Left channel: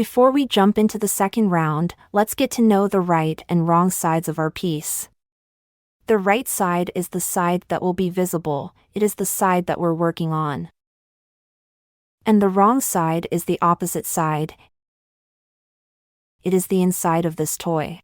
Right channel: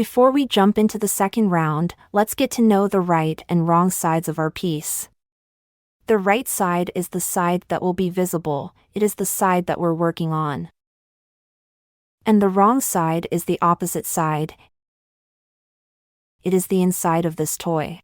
Before we jump into the second round, let's get to know the right and wrong sides of our piece. The right side is the side that will be visible, it is the side that we're working on. And the wrong side is the opposite side. It is the inside of this toy.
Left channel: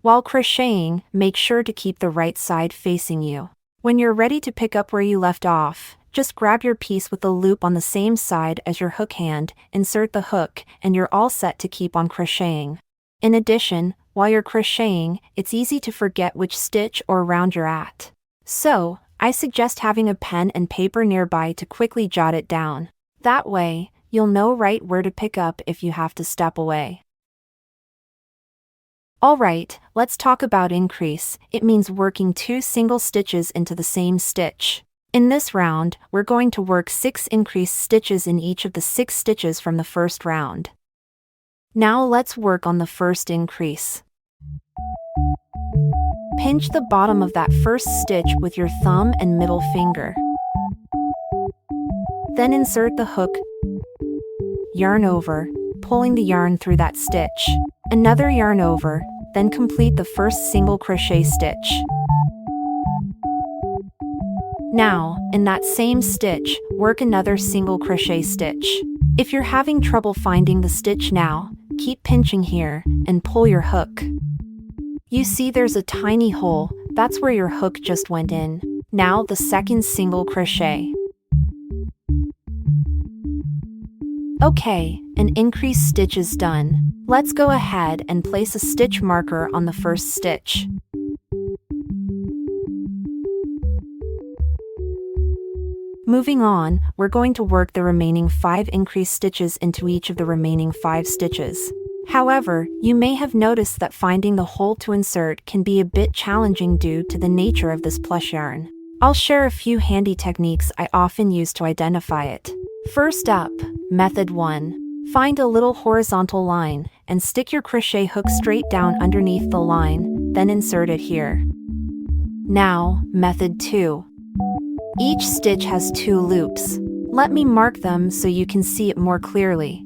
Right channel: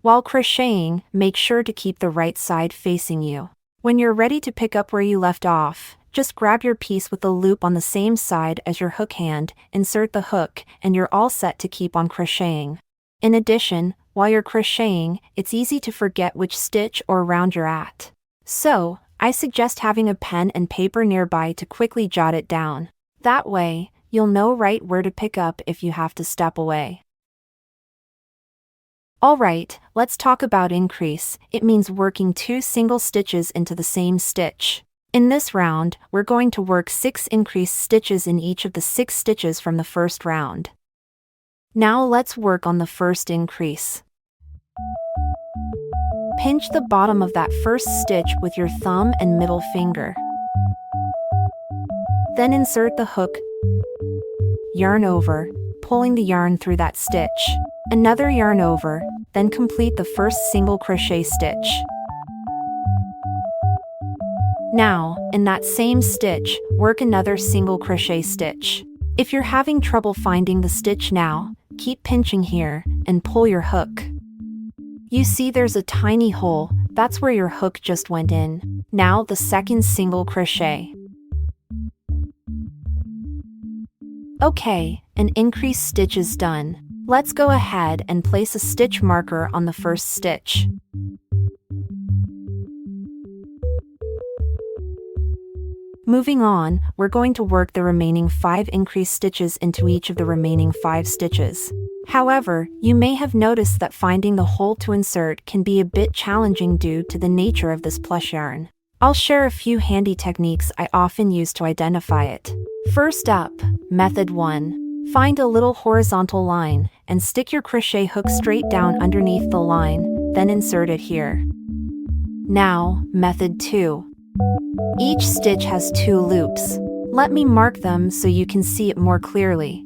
While crocheting, make sure to keep the right side facing you. When you're ready to pick up where you left off, just grab your piece with the loop on the same side as your hook hand, insert the hook, and you're all set to keep on crocheting. In addition, while you're crocheting, it's easy to forget which stitch or round you're at. So, I suggest having a pen and paper nearby to quickly jot it down. That way, you'll know right where to pick up if you have to step away. Alright, let's talk about increase. It means working 2 single stitches into the same stitch. In this round, we're going to work 6 increase stitches in each of the 6 stitches from the first round. Now let's work on the first increase. Pinch the bottom of that first stitch with your thumb and middle finger. Then insert the hook, yarn over, pulling the yarn through that stitch. Another yarn over, then complete the first single crochet stitch. Now, in that same stitch, work another single crochet stitch. If you're having trouble finding the stitch now, keep pinching here, and pull your hook. You see there's a tiny hole, that's where your hook just went in. Now the second single crochet. Okay, an increased stitch is done. Let's go ahead and place a stitch marker on the first stitch. Moving on, we're going to work the remaining 5 increased stitches into each of the remaining 5 stitches. However, you may have noticed that finding the hole to insert can be a bit challenging due to the nature of this plush yarn. I'll share a few handy techniques I often use to identify it. First up, method 1. Find a little horizontal line, and stick your crochet hook straight down underneath the line, then insert it here. Now, method 2. Each stitch has 2 loops. Let me mark them so you can see it more clearly.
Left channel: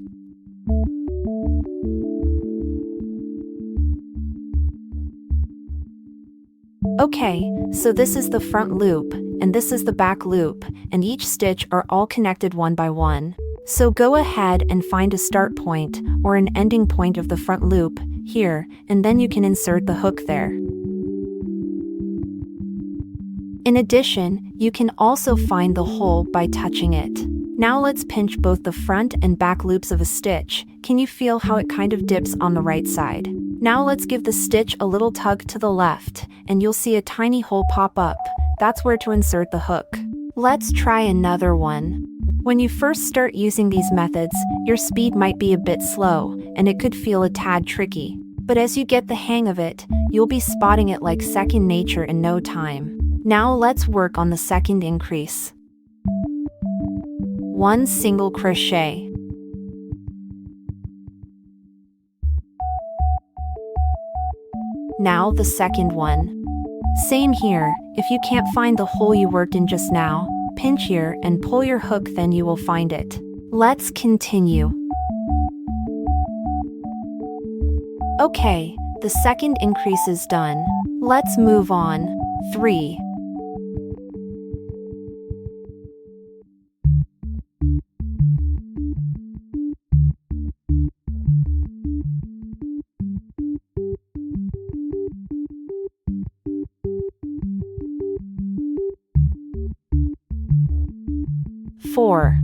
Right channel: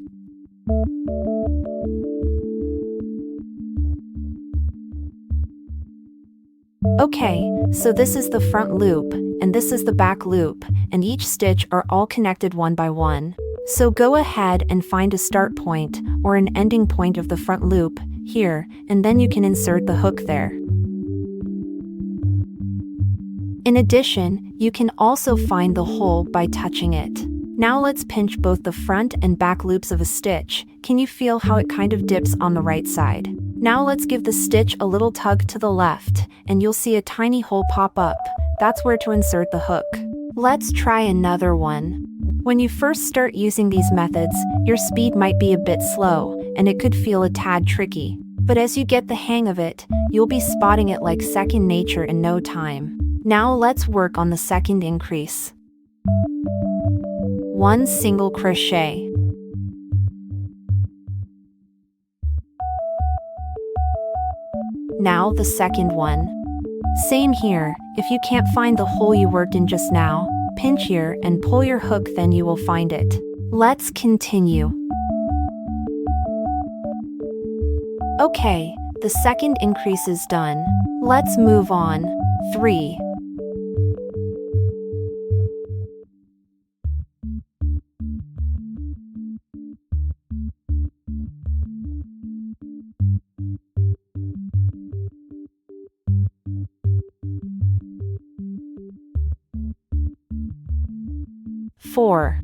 Okay, so this is the front loop, and this is the back loop, and each stitch are all connected one by one. So go ahead and find a start point, or an ending point of the front loop, here, and then you can insert the hook there. In addition, you can also find the hole by touching it. Now let's pinch both the front and back loops of a stitch. Can you feel how it kind of dips on the right side? Now let's give the stitch a little tug to the left, and you'll see a tiny hole pop up. That's where to insert the hook. Let's try another one. When you first start using these methods, your speed might be a bit slow, and it could feel a tad tricky. But as you get the hang of it, you'll be spotting it like second nature in no time. Now let's work on the second increase. 1 single crochet. Now the second one. Same here, if you can't find the hole you worked in just now, pinch here and pull your hook, then you will find it. Let's continue. Okay, the second increase is done. Let's move on. 3. Four.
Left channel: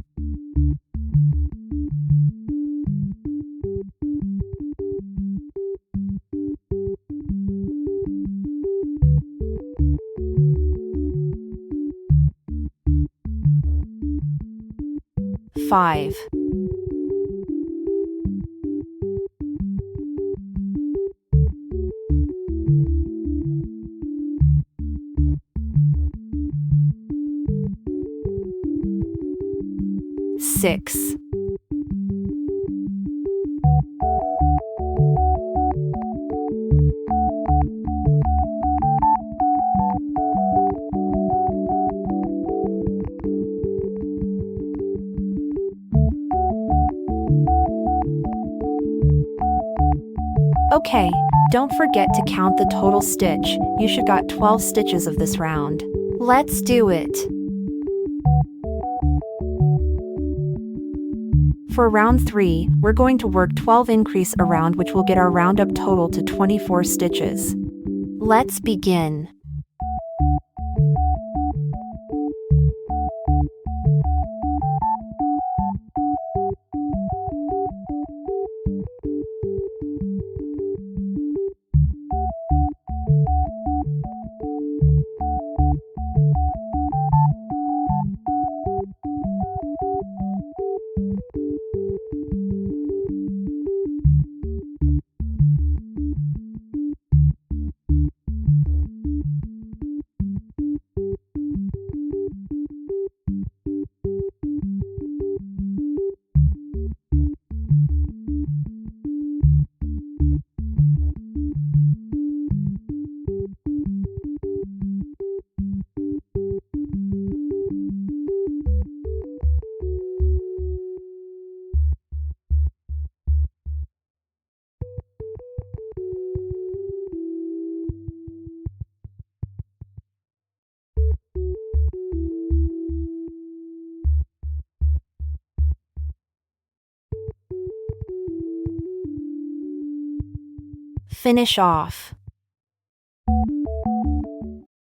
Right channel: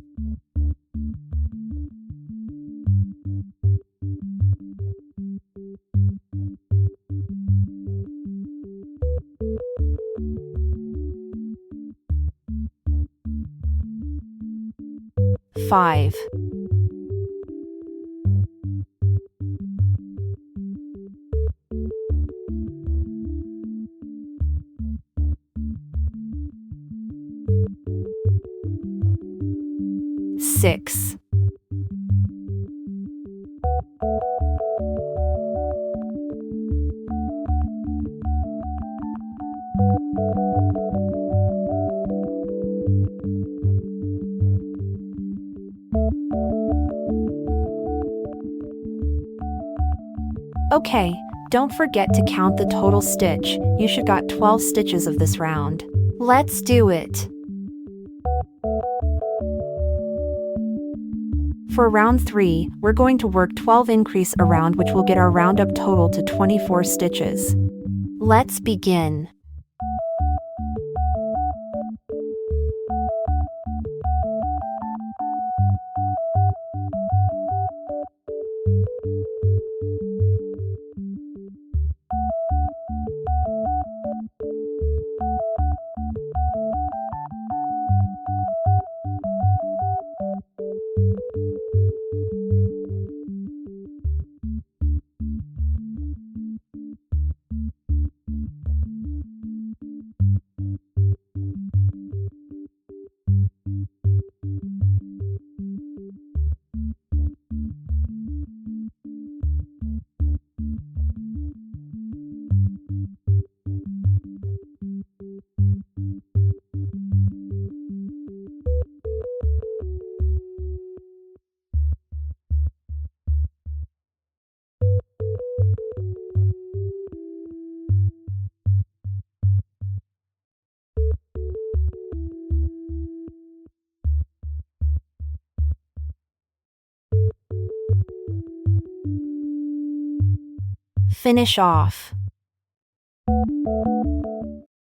5. 6. Okay, don't forget to count the total stitch. You should got 12 stitches of this round. Let's do it. For round 3, we're going to work 12 increase around, which will get our roundup total to 24 stitches. Let's begin. Finish off.